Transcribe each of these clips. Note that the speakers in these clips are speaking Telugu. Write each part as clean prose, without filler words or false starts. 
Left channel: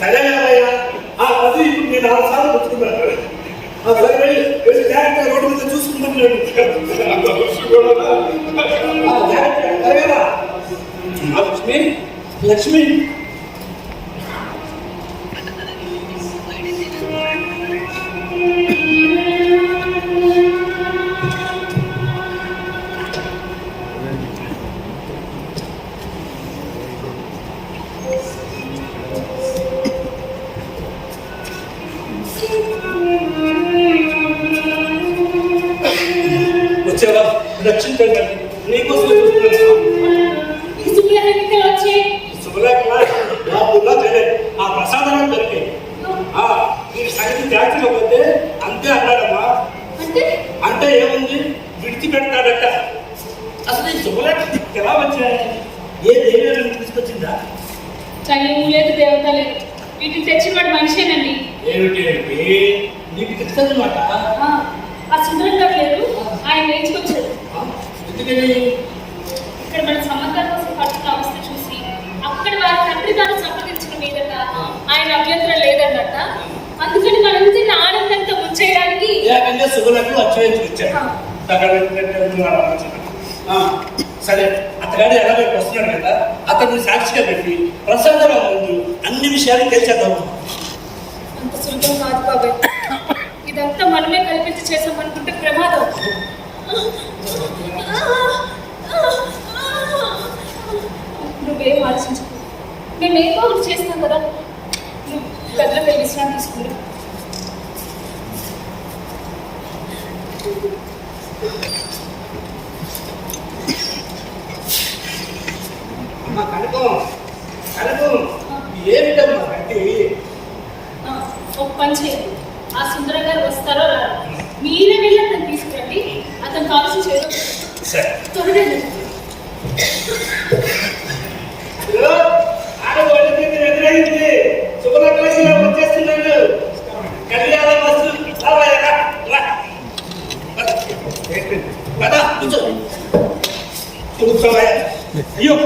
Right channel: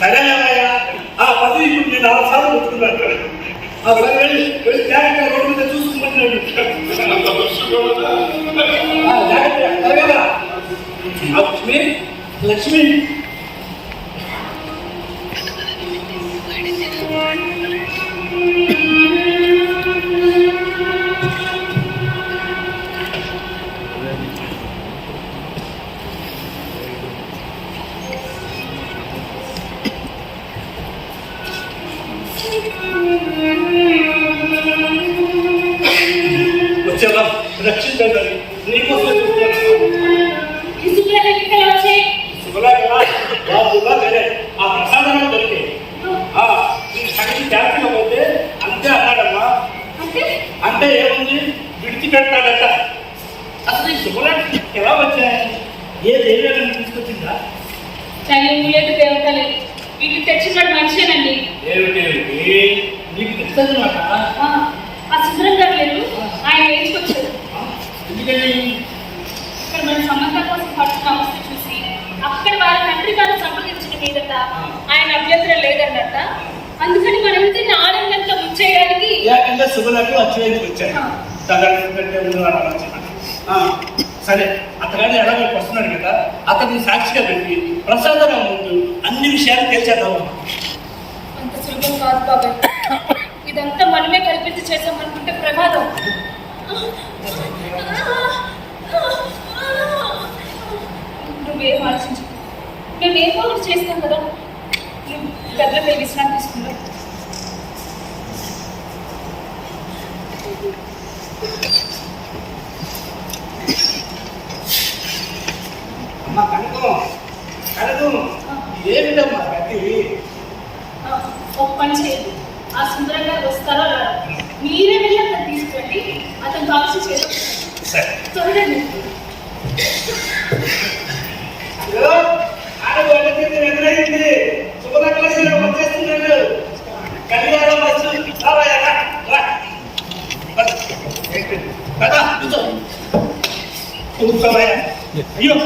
సరేలేవయ్యా, ఆ 10 ఇప్పుడు నేను 6 సార్లు పుచ్చుకున్నాను. సరే వెళ్ళి జాగ్రత్తగా రోడ్డు మీద చూసుకుంటున్నాడు. లక్ష్మి లక్ష్మి వచ్చావా? రక్షించండి, నీకోసం ఆ ప్రసాదాలు దొరికాయి. నీకు సంగతి జాతిలో పోతే అంతే అన్నాడమ్మా. అంటే ఏముంది, విడిచిపెడతాడట. అసలు ఈ శుభలాకి ఎలా వచ్చాయి? ఏ దేవేలను తీసుకొచ్చిందా? చలింగు లేదు, దేవత లేదు, వీటిని తెచ్చినవాడు మనిషేనండి. ఏమిటి నీకు తెచ్చదు మాట? ఆ సుందరం గారు లేరు, ఆయన వేయించుకొచ్చారు. ఎందుకని? ఇక్కడ మన సంబంధం కోసం పట్టుకున్న అవస్థ చూసి అక్కడ వారి తండ్రి గారు సంప్రదించిన మీదట ఆయన అభ్యంతరం లేదన్నట్ట. అందుకని మనందరినీ ఆనందంతో ముంచేయడానికి ఏకంగా శుభలకు అచ్చవేసి వచ్చాడు. సరే, అతగాడు ఎలాగో వస్తున్నాడు కదా, అతన్ని సాక్షిగా పెట్టి ప్రసాదరావు ముందు అన్ని విషయాలు తెలిసేద్దాము. అంత సులభం కాదు బాబాయ్. ఇదంతా మనమే కల్పించి చేసామనుకుంటే ప్రమాదం. నువ్వేం ఆలోచించు, మేమేమో ఒకటి చేసినాం కదా. నువ్వు గదిలో వెళ్ళి విశ్రాంతి తీసుకున్నావు. అమ్మా కనుకో కనుకో, ఏమిటమ్మా గట్టి? ఒక పని చేయండి, ఆ సుందరం గారు వస్తారో రారో మీరే వెళ్ళి అతను తీసుకురండి. అతను కావాల్సిన చేయవచ్చు. త్వరగా ఎదురైంది. శుభలక్ష్మిలో వచ్చేస్తున్నాడు. కళ్యాణ బస్సు కూర్చోవయ్యా. అయ్యో,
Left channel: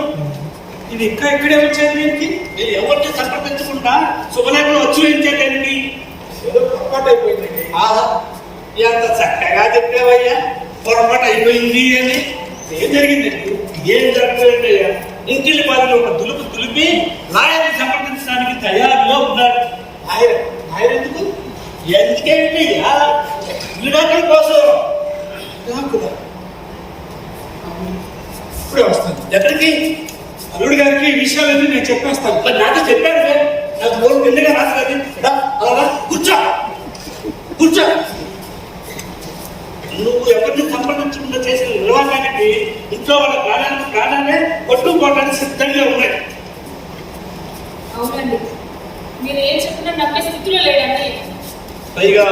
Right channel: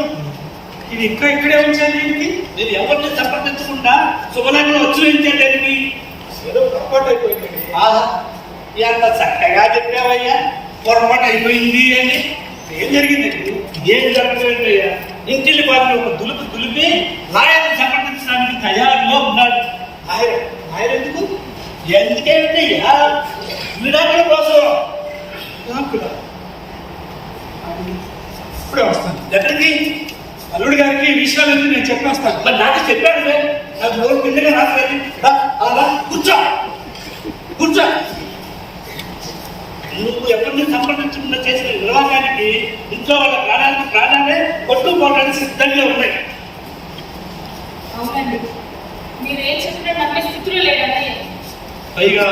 ఇది ఇంకా ఇక్కడే వచ్చేది ఏంటి? నేను ఎవరిని సంప్రదించకుండా శుభలగ్నం వచ్చి ఏదో పొరపాటు అయిపోయిందండి. ఆహా, ఎంత చక్కగా చెప్పావయ్యా, పొరపాటు అయిపోయింది అని. ఏం జరిగిందండి? ఏం జరగలేదయ్యా, ఇంటిల్లి బాధలు ఒక దులుపు దులిపి లాయర్ని సంప్రదించడానికి తయారుగా ఉన్నాడు. లాయర్ ఎందుకు? ఎందుకేంటయ్యా? విడాకుల కోసం. ఇప్పుడే వస్తాను. ఎక్కడికి? అల్లుడి గారికి ఈ విషయాలన్నీ నేను చెప్పేస్తాను. మరి నాతో చెప్పాడు, నాకు నోరు కిందగా రాదు. అలా కూర్చో కూర్చో. నువ్వు ఎవరిని సంప్రదించకుండా చేసిన నిర్వాహానికి ఇంట్లో వాళ్ళ ప్రాణాలే కొట్టుకోవడానికి సిద్ధంగా ఉన్నాయి. అవునండి, మీరేం చెప్పినా నమ్మే స్థితిలో లేదండి. పైగా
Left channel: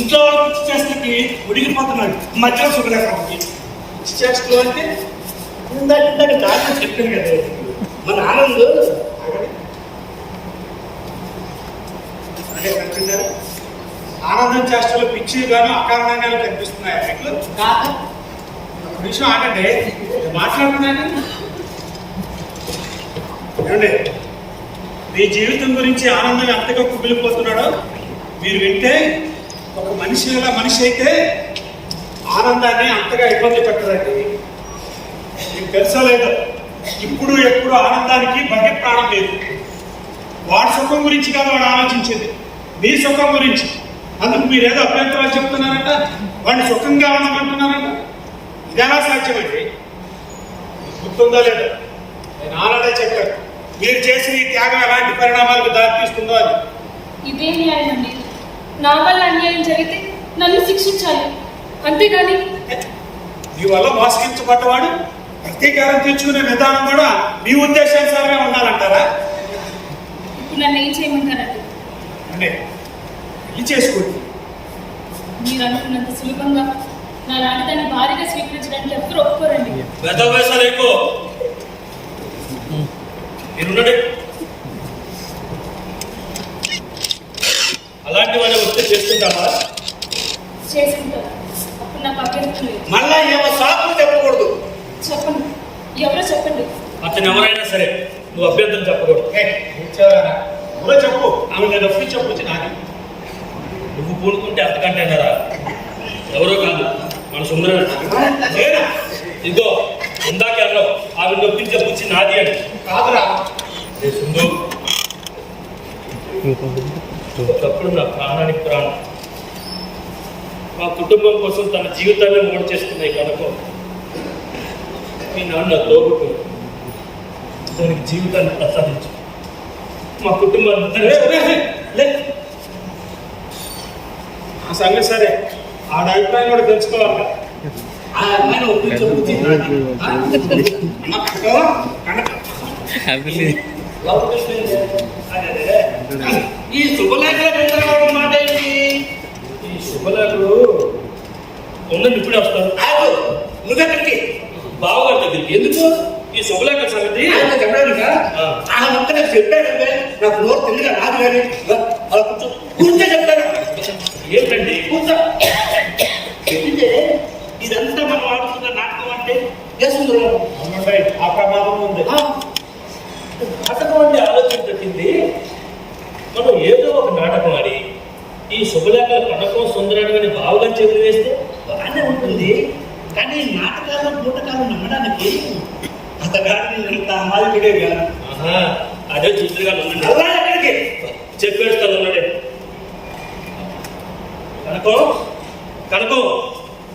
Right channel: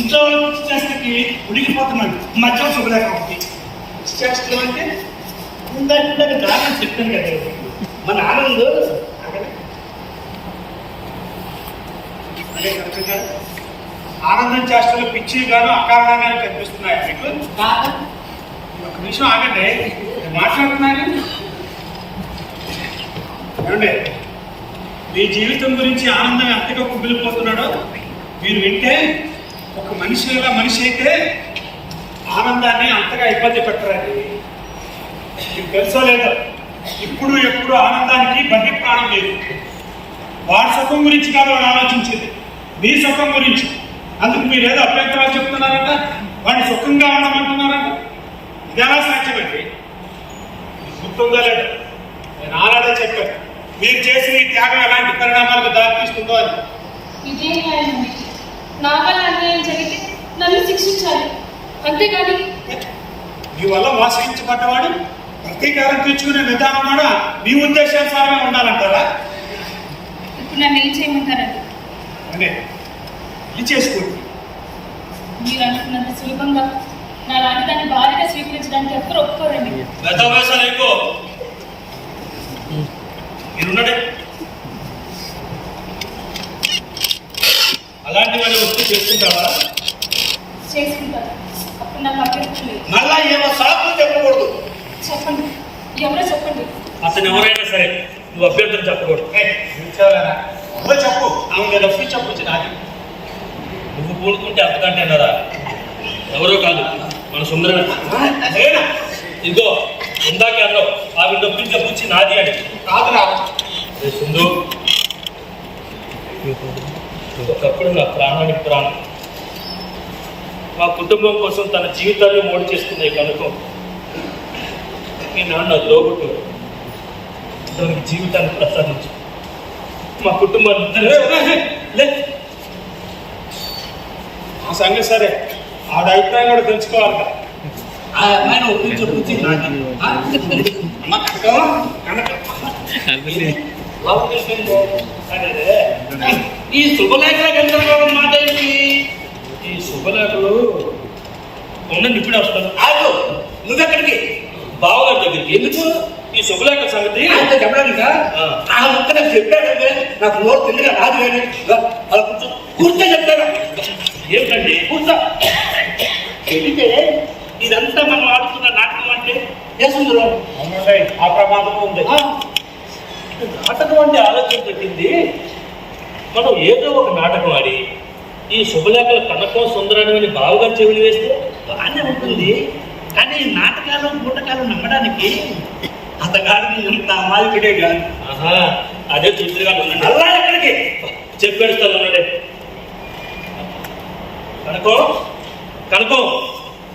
ఇంట్లో వాళ్ళకి పిచ్చి చేస్తకి ఉడికిపోతున్నాడు. మధ్యలో శుభలేఖకి పిచ్చి చేస్తూ అంటే ఇందాక దారిలో చెప్పాను కదా, మన ఆనంద్ అదే కనుక ఆనందం చేష్టలు పిచ్చిగాను అకారణంగానూ కనిపిస్తున్నాయి మీకు. ఒక నిమిషం ఆగండి, మాట్లాడుతున్నాను. ఏమండి, మీ జీవితం గురించి ఆనందం ఎంతగా కుమిలిపోతున్నాడో మీరు వింటే, ఒక మనిషి అయితే ఆనందాన్ని అంతగా ఇబ్బంది పెట్టరండి. మీకు తెలుసో లేదో, ఇప్పుడు ఎప్పుడు ఆనందానికి బగ్గి ప్రాణం లేదు. వాడి సుఖం గురించి కాదు వాడు ఆలోచించేది, మీ సుఖం గురించి. అందుకు మీరు ఏదో అభ్యంతరాలు చెప్తున్నారంట, వాడిని సుఖంగా ఉండమంటున్నారంట. ఇది ఎలా సాధ్యమండి? గుర్తుందో లేదో, నేను ఆనాడే చెప్పాను, మీరు చేసిన ఈ త్యాగం ఎలాంటి పరిణామాలకు దారితీస్తుందో అని. ఇదే న్యాయం అండి. నా వల్ల అన్యాయం జరిగితే నన్ను శిక్షించాలి, అంతేగాని మీ వల్ల మోసగించబడ్డవాడు ప్రతీకారం తీర్చుకునే విధానం కూడా మీ ఉద్దేశానుసారమే ఉండాలంటారా? ఇప్పుడు నన్ను ఏం చేయమంటారండి? అంటే పెళ్లి చేసుకోండి. మీరు అనుకున్నంత సులభంగా నా లాంటి దాన్ని భారీగా స్వీకరించడానికి ఎవరు ఒప్పుకోరండి. మీరున్నాడే అలాంటి వాడిని వస్తే చేసుకుంటావా? చేసుకుంటాను. అప్పుడు నాకు అభ్యంతరం లేదు. మళ్ళా ఏమో సాకులు చెప్పకూడదు. చెప్పండి, ఎవరో చెప్పండి. అతను ఎవరైనా సరే నువ్వు అభ్యర్థన చెప్పకూడదు. చెప్పు ఆమె రఫ్లు చెప్పొచ్చు నాది. నువ్వు పూనుకుంటే అంతకంటే అన్నారా? ఎవరో కాదు, మన సుందరమే. నేనా? ఇదిగో ఇందాకే అన్నావు ఆమె నొప్పించే పుచ్చి నాది అని. కాదురా. ఏ సుందు, ఒకప్పుడు నా ప్రాణానికి ప్రాణం, మా కుటుంబం కోసం తన జీవితాన్ని మోడు చేసుకున్నాయి కనుక మీ నాన్న తోబుట్టు దానికి జీవితాన్ని ప్రసాదించు. మా కుటుంబాన్ని లే. ఆ సంగతి సరే, ఆవిడ అభిప్రాయం కూడా తెలుసుకోవాలి కదా. ఆ అమ్మాయిని ఒప్పించు. అమ్మ కనక ఈ శుభలేఖల గందరగోళం మాట ఏంటి? ఈ శుభలేఖలు ఉండండి, ఇప్పుడే వస్తాను. నువ్వెక్కడికి? బావగారి దగ్గరికి. ఎందుకు ఈ శుభలేఖల సంగతి చెప్పడానికి చెప్పాడంటే నాకు నోరు తిరిగి రాదు కానీ అలా కూర్చో కూర్చో చెప్తాను. ఏమిటండి? కూర్చో. చెబితే ఇదంతా మనం ఆడుతున్న నాటకం అంటే చేస్తుందిలో అవునండి, ఆ ప్రమాదం ఉంది. నాటకం అంటే ఆలోచన పెట్టింది. మనం ఏదో ఒక నాటకం ఆడి ఈ శుభలేఖల కనకం సుందరాన్ని బావగారు చెవులు వేస్తే బాగానే ఉంటుంది. కానీ నాటకాలు పూటకాలు నమ్మడానికి అతగాడిని ఎంత అమాయకుడే కాదు. అదే చూసిగా అలా ఎక్కడికి చెప్పేస్తాను అన్నాడే. కనకం కనకం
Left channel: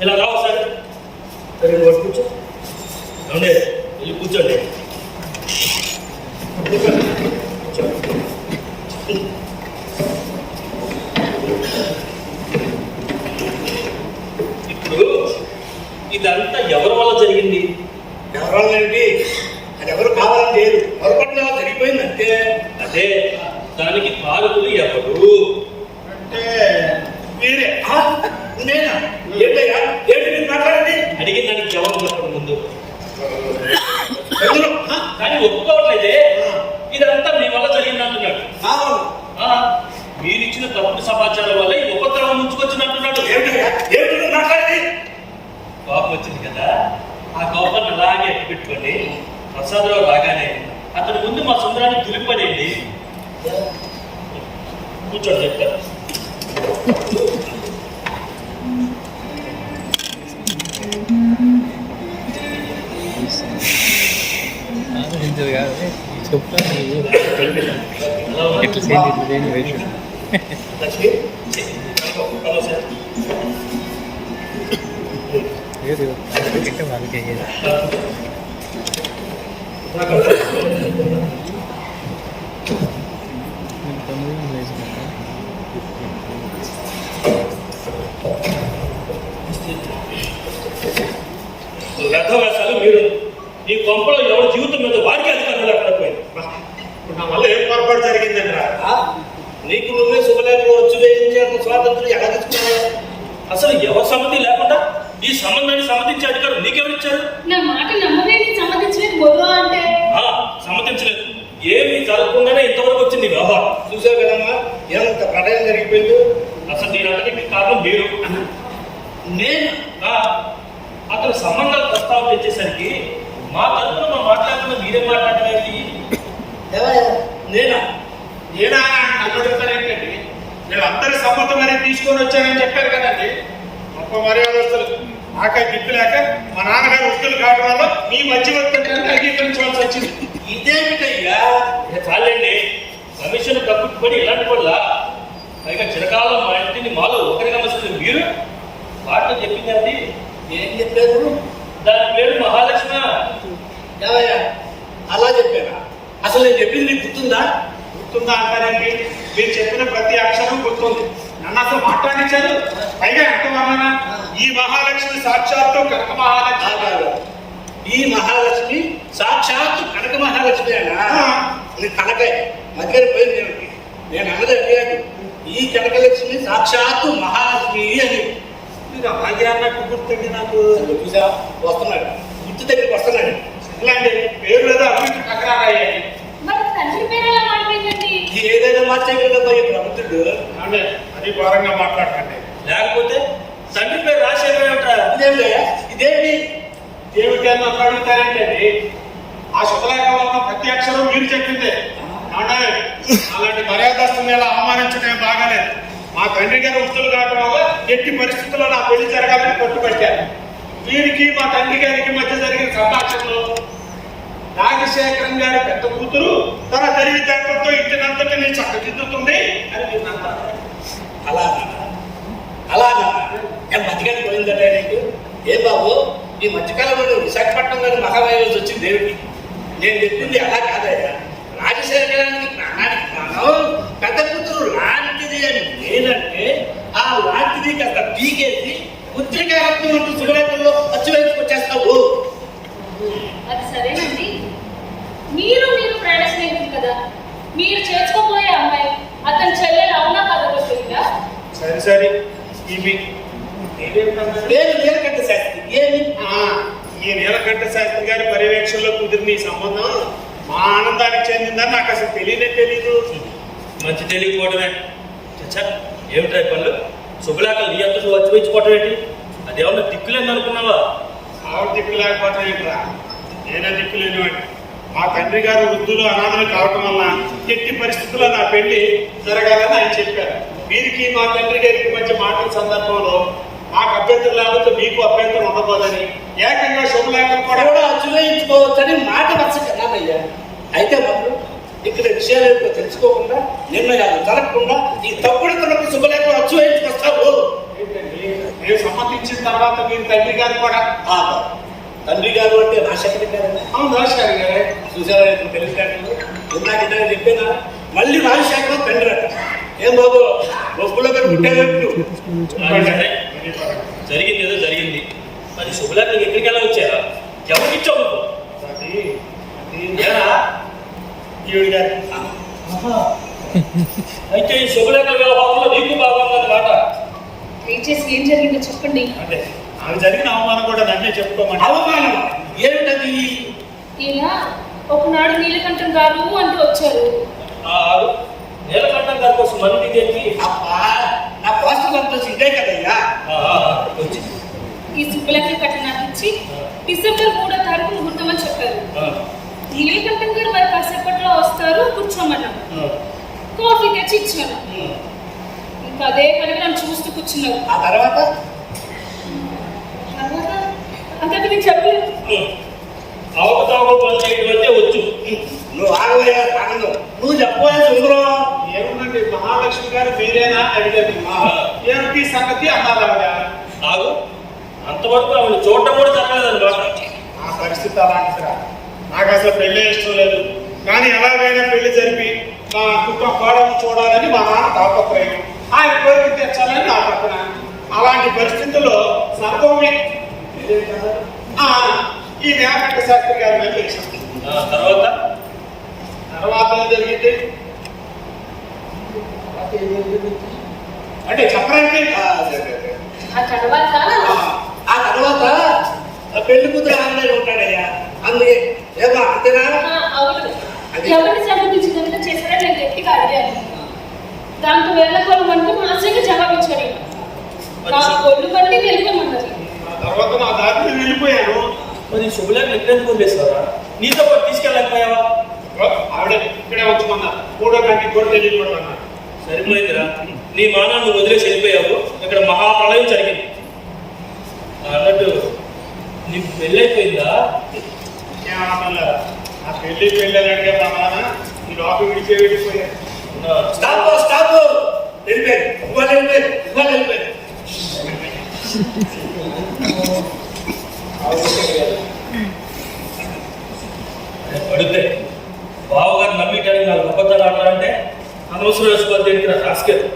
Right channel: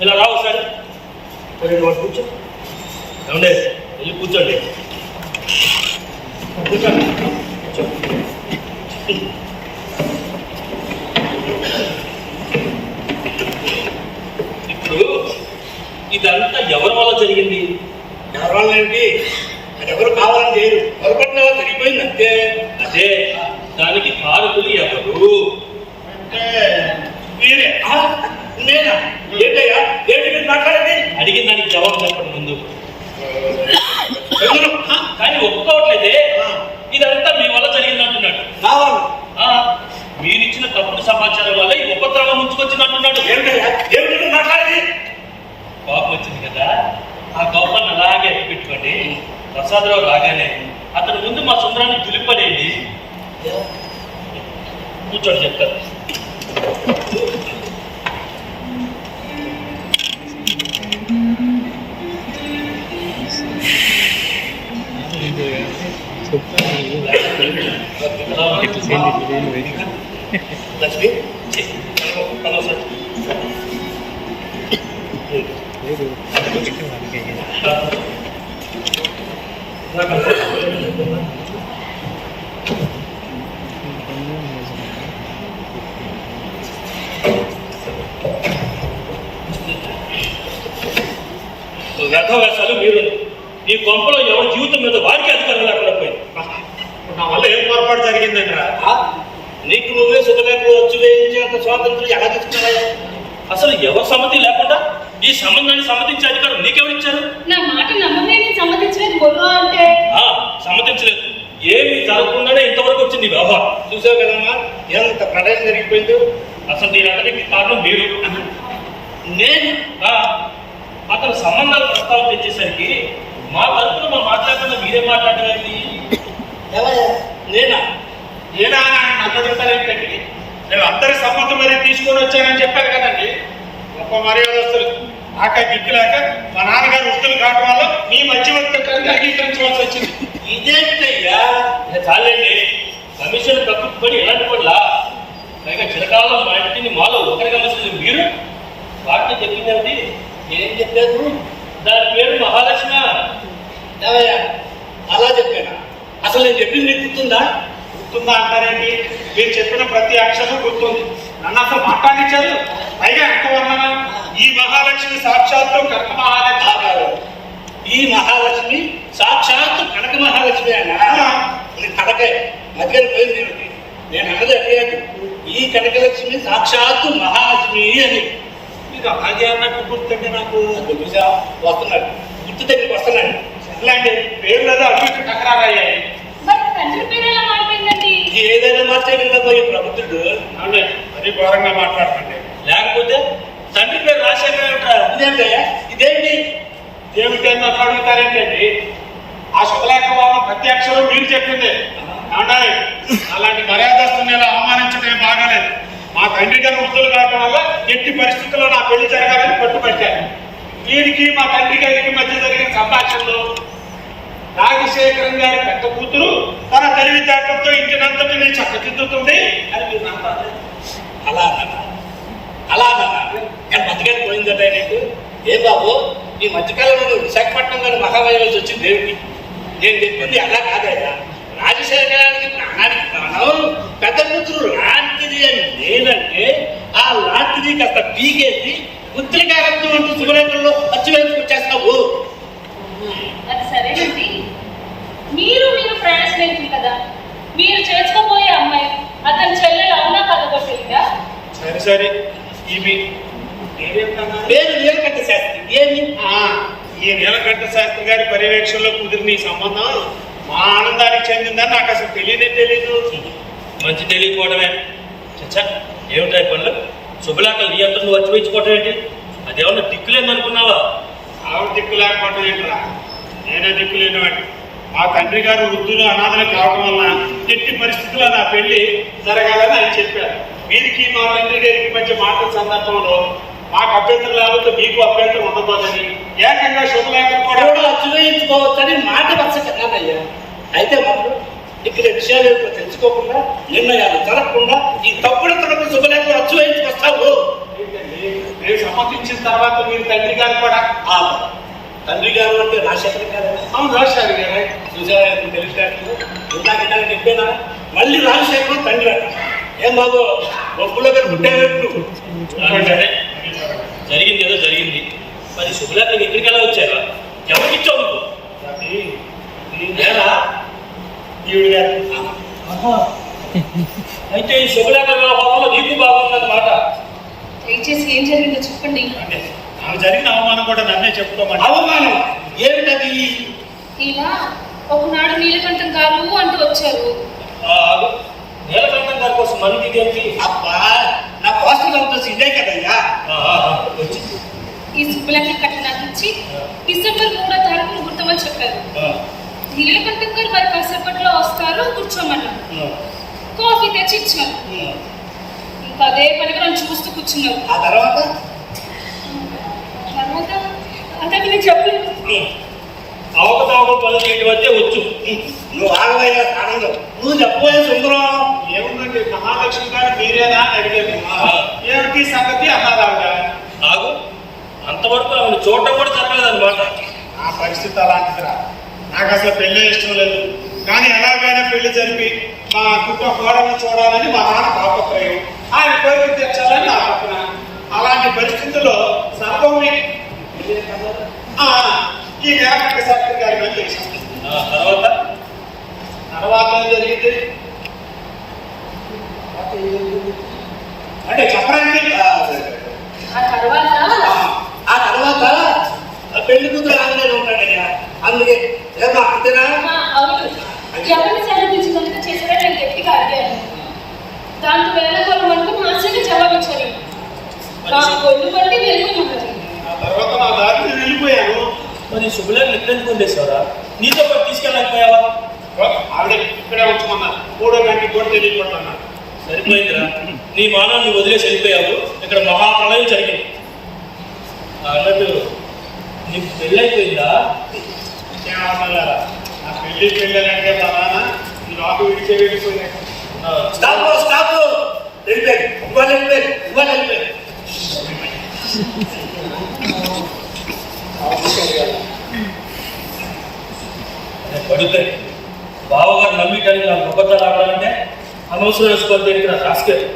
ఇలా రావు సార్. సరే నువ్వు కూర్చో. ఏమండే వెళ్ళి కూర్చోండి. కూర్చోండి. ఇప్పుడు ఇదంతా ఎవరి వల్ల జరిగింది? ఎవరి వల్ల ఏంటి? అది ఎవరు కావాలని చేయరు, పొరపాటున జరిగిపోయింది అంతే. అదే దానికి కారకులు ఎవరు అంటే మీరే. నేనా? ఏంటయ్యా ఏంటి మీరు మాట్లాడేది? అడిగిన దానికి జవాబు చెప్పడం ముందు. కానీ ఒప్పుకోవట్లేదే. ఇదంతా మీ వల్ల జరిగింది అంటున్నాడు. కావాలి మీరిచ్చిన తప్పుడు సమాచారం వల్ల ఈ ఉపద్రవం ముంచుకొచ్చింది అంటున్నాడు. ఏమిటయ్యా ఏమిటి నువ్వు మాట్లాడేది? కోపం వచ్చింది కదా, ఆ కోపాన్ని అలాగే అట్టి పెట్టుకోండి. ప్రసాదరావు రాగానే అతని ముందు మా సుందరాన్ని దులిపడేయండి. కూర్చోండి చెప్తారు. లక్ష్మి వ్యర్థవేశాలు మీరు. ఈ కొంపలో ఎవరి జీవితం మీద వారికి అధికారం లేకుండా పోయింది. నా వల్ల ఏం పొరపాటు జరిగిందంటారా? నీకు నువ్వే శుభలేఖలు వచ్చి వేయించేంత స్వాతంత్రం ఎలా తీసుకున్నావు? అసలు ఎవరి సమ్మతి లేకుండా ఈ సంబంధాన్ని సమ్మతించే అధికారం నీకెవరిచ్చారు? నా మాట నమ్మలేని సమ్మతించలేదు బొర్రో అంటే సమ్మతించలేదు. ఏమి జరగకుండానే ఇంతవరకు వచ్చింది వ్యవహారం. చూసావు కదమ్మా ఎంత ప్రళయం జరిగిపోయిందో. అసలు దీని అంతటికి కారణం మీరు. నేను అతను సంబంధాలు ప్రస్తావన తెచ్చేసరికి మా తరఫున మనం మాట్లాడకుండా మీరేం మాట్లాడలేదు. నేనా నేనా నన్ను అడుగుతారేంటండి? నేను అందరి సమ్మతం మరి తీసుకొని వచ్చానని చెప్పారు కదండి. గొప్ప మర్యాదస్తులు నాకే దిక్కు లేక మా నాన్నగారు వస్తువులు కావడం వల్ల మీ మధ్యవర్తికి అంగీకరించవలసి వచ్చింది. ఇదేంటయ్యా? చాలండి, కమిషన్ తప్పిపడి ఎలాంటి కూడా పైగా చిరకాలం మా ఇంటిని మాలో ఒకరిగా మసలు మీరు వాటిని చెప్పింది అది. ఏం చెప్పారు? దాని పేరు మహాలక్ష్మి. ఏవయ్యా అలా చెప్పానా? అసలు నేను చెప్పింది నీకు గుర్తుందా? గుర్తుందా అంటారేంటి? మీరు చెప్పిన ప్రతి అక్షరం గుర్తుంది. నన్ను అసలు మాట్లాడించారు. పైగా ఎంత వర్ణన! ఈ మహాలక్ష్మి సాక్షాత్తు కనక మహాలక్ష్మి కాదు. ఈ మహాలక్ష్మి సాక్షాత్తు కనక మహాలక్ష్మి అనా? కనకే మధ్యలో పోయింది ఏమిటి? నేను అన్నది అడిగాను. ఈ కనకలక్ష్మి సాక్షాత్తు మహాలక్ష్మి అని. మీరు అలాగే అన్నట్టు గుర్తుంటే నాకు చూసా వస్తున్నాడు, గుర్తు దగ్గరికి వస్తున్నాడు. ఇట్లాంటి పేరు లేదా అటు టకరాయ్యాయి. మరి తండ్రి పేరు ఎలా మారిపోయిందండి? ఏదైనా మార్చేయగలగా ఈ ప్రభుత్వుడు. అవునండి, అది ఘోరంగా మాట్లాడకండి. లేకపోతే తండ్రి పేరు రాసేటా? ఇదేమిటయ్యా? ఇదేంటి ఏమిటి అని నన్ను అడుగుతారేంటండి? ఆ శుభలేఖలో ఉన్న ప్రతి అక్షరం మీరు చెప్పిందే. ఏమంటారు? అలాంటి మర్యాదస్తుని ఇలా అవమానించడం బాగాలేదు. మా తండ్రి గారు వృద్ధులు కావడం వల్ల ఎట్టి పరిస్థితుల్లో నా పెళ్లి జరగాలని పట్టుబట్టారు. వీరికి మా తండ్రి గారికి మధ్య జరిగిన సంభాషణలో రాజశేఖరం గారి పెద్ద కూతురు తన తెలివితేటలతో ఇంటినంతటి నేను చక్కదిద్దుతుంది అని మీరు అంటారు. అలా నేను మధ్యకాలం పోయిందట నీకు. ఏ బాబు, ఈ మధ్యకాలంలో విశాఖపట్నం గారు మహావైవల్సి వచ్చింది దేవుడికి. నేను చెప్పింది అలా కాదయ్యా. రాజశేఖరానికి ప్రాణానికి ప్రాణం, పెద్ద కూతురు లాంటిది అని నేనంటే ఆ లాంటిది కాస్త పీకేసి ఉత్తరకారత్వం అంటూ శుభలేఖల్లో అచ్చు వేసుకొచ్చేస్తావు. అది సరేనండి, మీరు ప్రాణ స్నేహితులు కదా, మీరు చేసుకోబోయే అమ్మాయి అతని చెల్లెలు అవునా కదగొట్టిందా? సరే ఈమె పేరు నీలకంఠ శాస్త్రి. ఏమి? ఈ నీలకంఠ శాస్త్రి గారి పర్యవేక్షణలో కుదిరిన ఈ సంబంధం మా ఆనందానికి చెందిందని నాకు అసలు తెలీదు. మంచి తెలియకపోవడమే. చచ్చా, ఏమిటా పనులు? శుభలేఖలు నీ అంతా నువ్వు వచ్చిపోయించుకోవటం ఏంటి? అదేమన్నా దిక్కులేదు అనుకున్నావా? ఆవిడ దిక్కు లేకపోవటం ఏంట్రా? నేనే దిక్కు లేనివాడిని. మా తండ్రి గారు వృద్ధులు అనాథలు కావటం వల్ల ఎట్టి పరిస్థితుల్లో నా పెళ్లి జరగాలని ఆయన చెప్పారు. వీరికి మా తండ్రి గారికి మధ్య మాటల సందర్భంలో మాకు అభ్యంతరం లేకపోతే మీకు అభ్యంతరం ఉండబోదని ఏకంగా శుభలేఖలు కూడా చూయించుకోవచ్చని మాట వరుస కన్నానయ్యా. అయితే మాత్రం ఇక్కడ విషయాలు ఏమిటో తెలుసుకోకుండా, నిర్ణయాలు జరగకుండా ఈ తప్పుడు తనకు శుభలేఖలు అచ్చు వేయించుకొస్తావు. నేను సమ్మతించిన తర్వాత మీరు తండ్రి గారు కూడా తండ్రి గారు అంటే రాజశేఖర్ గారేనా? అవును, రాజశేఖర్ గారే. చూసారా తెలివితేటలు? ఇందాక చెప్పేనా? మళ్ళీ రాజశేఖరం తండ్రి అట. ఏం బాబు, ఒప్పులో గారు పుట్టారు. జరిగింది ఏదో జరిగింది. మరి శుభలేఖలు ఎక్కడికి ఎలా వచ్చారా? ఎవరికి ఇచ్చావు నువ్వు? ఏరా ఈవిడ గారు. అయితే ఈ శుభలేఖల వ్యవహారంలో నీకు బాగుందన్నమాట. దయచేసి ఏం జరిగిందో చెప్పండి. అంటే ఆమె జరిగిన అవమానం కూడా నన్నే చెప్పుకోమని. అవమానం ఏమిటది? ఇలా ఒకనాడు నీలకంఠం గారు అంటూ వచ్చారు. నీలకంఠం గారి కోసం మనం ఇదేంటి? అబ్బా, నా పోస్టర్ అంతా ఇదే కదయ్యా. ఈ శుభలేఖలు కట్ట నాకు ఇచ్చి డిసెంబర్ 3వ తారీఖున గుర్తమని చెప్పారు. నీలకంఠం గారు మరి కాసేపట్లో వస్తారు, కూర్చోమన్నారు. కాఫీ తెచ్చి ఇచ్చాను. ఇంకా అదే పనిగా నన్ను చూస్తూ కూర్చున్నారు. ఆ తర్వాత అంతకు నేను చెప్పలేదు. అవకతవకలు పనులు చేయడం అంటే వచ్చు. నువ్వు ఆగవయ్యా ఆనందం, నువ్వు చెప్పబోయే సుందరం. ఏముందండి, మహాలక్ష్మి గారు మీరేనా అడిగేది. ఏమిటి సంగతి అన్నారు ఆవిడ. ఆగు, అంతవరకు ఆవిడ చూడటం కూడా జరగలేదన్నమాట. ఆ పరిస్థితి అలాంటిదిరా. నాకు అసలు పెళ్ళే ఇష్టం లేదు. కానీ ఎలాగైనా పెళ్లి జరిపి మా కుటుంబ కోడలను చూడాలని మా నాన్న తాపత్రయం, ఆయన కోరిక తెచ్చాలని నా తప్పన. అలాంటి పరిస్థితుల్లో సర్వమే ఈ నీలకంఠ శాస్త్రి గారి మీద చేశాను. తర్వాత ఏం జరిగింది అంటే చెప్పరండి. ఆ తర్వాత పెళ్లి కూతురు ఆంజనేయులు ఉంటాడయ్యా. అందుకే ఏమా అంతేనా? అవును, ఎవరిని సంగతించి కనుక చేశారో నేను గట్టిగా అడిగాను. దాంతో వేళకోళం అంటూ మాస్టర్గా జవాబిచ్చారు. నా ఒళ్ళు పట్టి వెళ్ళిపోమన్నారు. ఆ తర్వాత నా దారిని వెళ్ళిపోయాను. మరి శుభలేఖలు ఎక్కడెందుకు పంపేశావరా? నీతో పాటు తీసుకెళ్ళకపోయావా? ఆవిడ ఇక్కడే ఉంచమన్నారు. 3వ గంటకి కూడా తెలియకుంటున్నాడు. సరిపోయిందిరా, నీ మానవ నువ్వు వదిలేసి వెళ్ళిపోయావు. ఇక్కడ మహాప్రళయం జరిగింది. అన్నట్టు నీకు పెళ్ళైపోయిందా? ఏమన్నా లేదా, నా పెళ్లి పెళ్ళాలంటే మా నాన్న ఈ లోపు విడిచే వెళ్ళిపోయాడు. స్టాప్ వెళ్ళిపోయారు. ఇవాళ వెళ్ళిపోయారు. పడితే బావగారు నమ్మిటానికి నాకు అబద్ధాలు ఆడాలంటే అనవసరం వేసుకోవాలి. దేనికి నాకు రాసుకెళ్ళి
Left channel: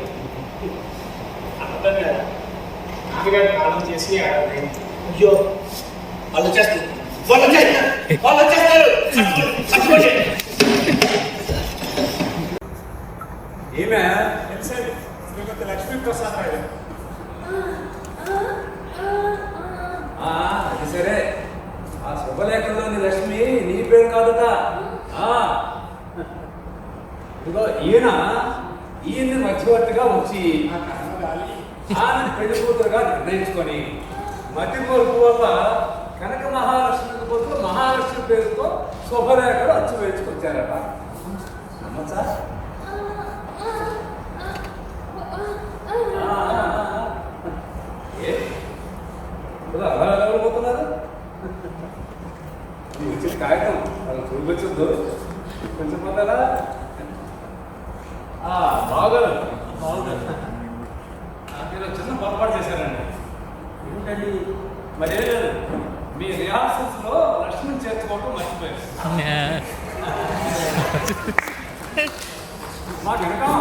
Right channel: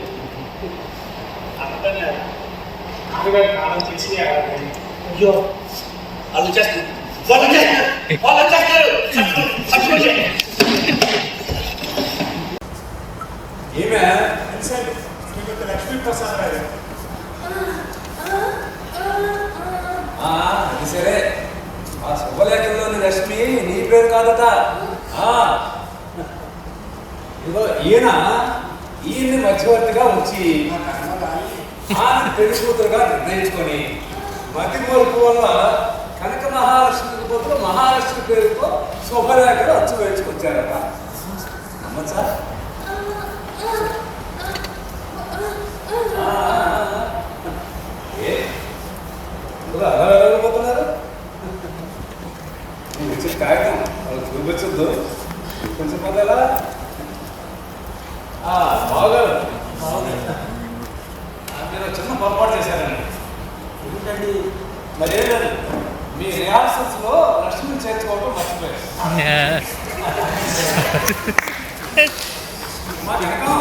నాన్నగారు కాలం చేసి అయ్యో, వాళ్ళు చేస్తారు. ఏమే శ్రీమతి లక్ష్మీప్రసాద్ రావు. అది సరే, ఆ శుభలేఖలోని రశ్మి నీ పేరు కాదట. ఇదిగో ఈయన్ని మధ్యవర్తిగా ఉంచి ఆమె పెళ్లి కూతురుగా నిర్ణయించుకొని మతి మరుపు వల్ల కనక మహాలక్ష్మికి బదులు మహాలక్ష్మి పేరుతో శుభలేఖలు అచ్చు వేసుకొచ్చారట. నమ్మచ్చా? అలా వెళ్ళకపోతున్నారు? మీకు వచ్చిన కాగితం వాళ్ళు చూపించద్దు, కొంచెం పొందాలా? బాగారు మీరు చిన్న పొరపాటు చేశారండి. ఏంటండి? మరేం లేదు, మీ రిహార్సల్స్లో లక్ష్మిని చేర్చుకోవటం మర్చిపోయారు. మాకు వెనకం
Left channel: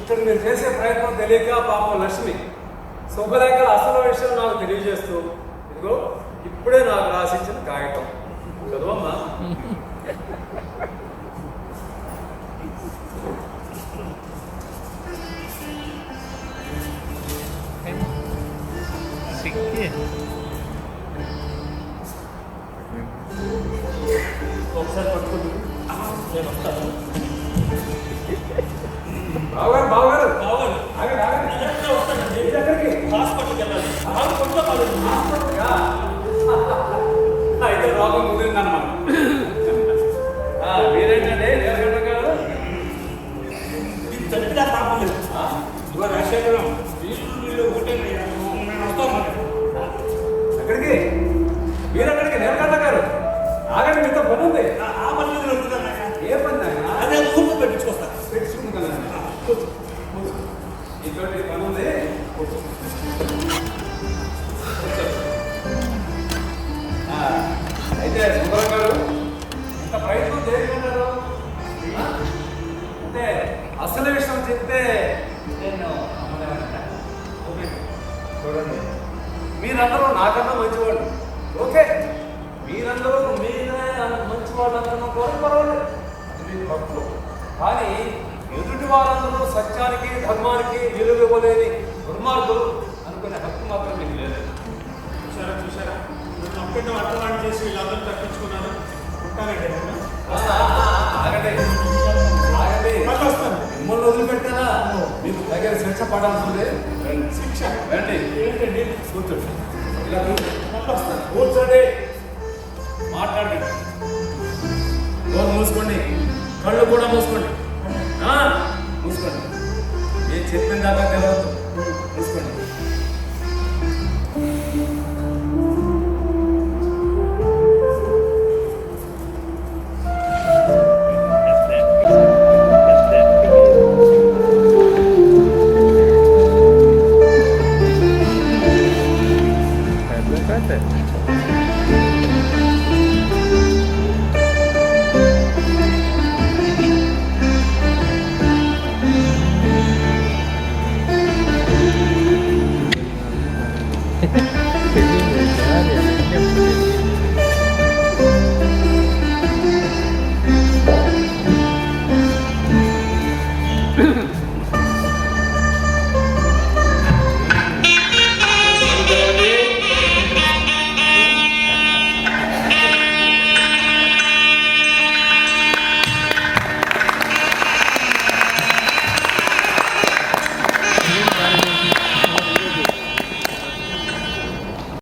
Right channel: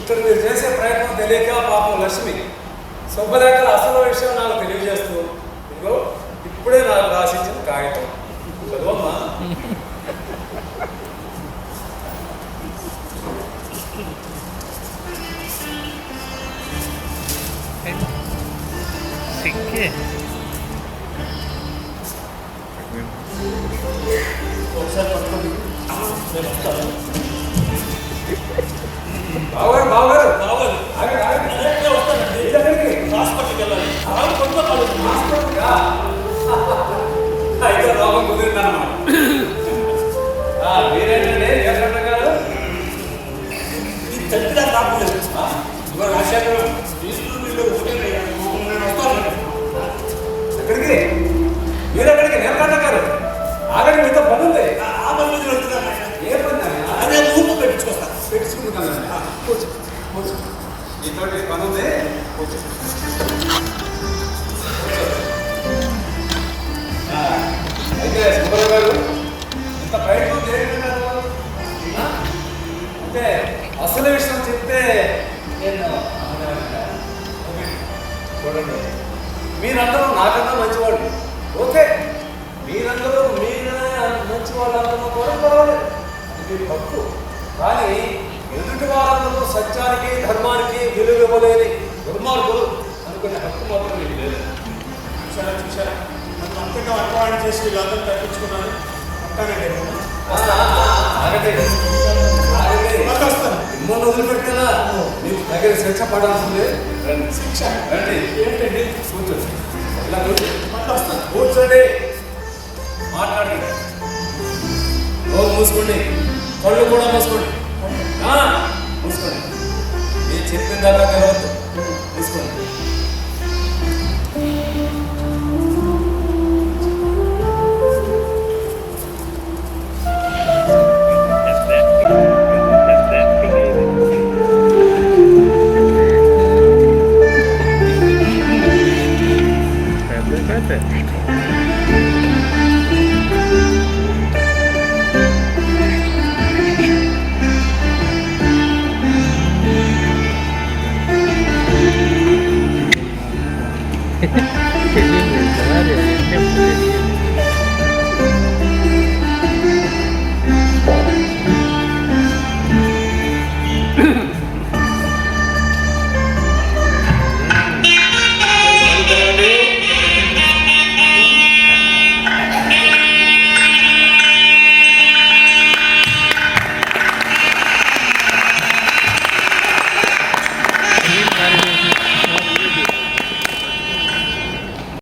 ఇక్కడ మీరు చేసే ప్రయత్నం తెలియక పాపం లక్ష్మి శుభలేఖల అసలు విషయం నాకు తెలియజేస్తూ, ఇదిగో ఇప్పుడే నాకు రాసిచ్చిన కాగితం చదవమ్మా. ఒకసారి పట్టుకోండి, నేను వస్తాను. బావగారు బావగారు రావాలి, ఆగండి ఆగండి. అదే వస్తానండి. హాస్పిటల్కి వెళ్ళాలి. రావాలి, కొట్టుకో కావాలి. అయితే రోగం కుదిరిందన్నమాట. మీరేంటండి ఏమంట గారు? ఇది చచ్చినా కాపలేదు. ఇవాళ రాజశేఖరం వీళ్ళు ఒకటేనయ్యా, నేను వస్తాను. ఎక్కడికి? మీరెక్కడికి? నేర్కంట గారు ఆగండి, మీతో పని ఉంది. ఆ పని మీద వెళ్తున్నాను ఆయన. ఏ పని ఆయన? అదే ఊపు పెట్టించుకొస్తాను. పెట్టుకుంటున్నాను. కూర్చో కూర్చో, మీతోటి పని ఉంది, కూర్చో. అయితే సుబ్బారావు గారు ఇంత ప్రయత్నం చేయగలరు అంటే అసలు విషయం చెప్తే నేను ఓకే. చూడండి, మీరందరూ నాకన్నా మంచివాళ్ళు. ఓకే, మీరందరూ మీరే మంచివాళ్ళు అనుకున్న కూడా పర్వాలేదు, అది మీ హక్కు. కానీ ఎదుటి వారందరూ సత్యానికి ధర్మానికి విలువ ఇవ్వలేని దుర్మార్గులు అనుకునే హక్కు మాత్రం మీకు లేదు. చూసారా చూసారా, తప్పకుండా అర్థవాణి చేసి వీళ్ళందరూ తప్పించుకున్నారు. ఉంటానండి నేను. ఆగండి ఆగండి, మళ్ళీ వస్తాను. మిమ్మల్ని వదిలిపెట్టారా? మీకు దగ్గర శిక్ష పడాల్సిందే. రండి, శిక్ష రండి, ఏంటండి? కూర్చోండి, ఇలా కూర్చోండి, మళ్ళీ వస్తాను. కూర్చోండి, మాట్లాడండి. నోరు మూసుకోండి, కళ్ళు కూడా మూసుకోండి. మూసుకోండి, నేను చెప్పిన దాకా తెలవద్దు.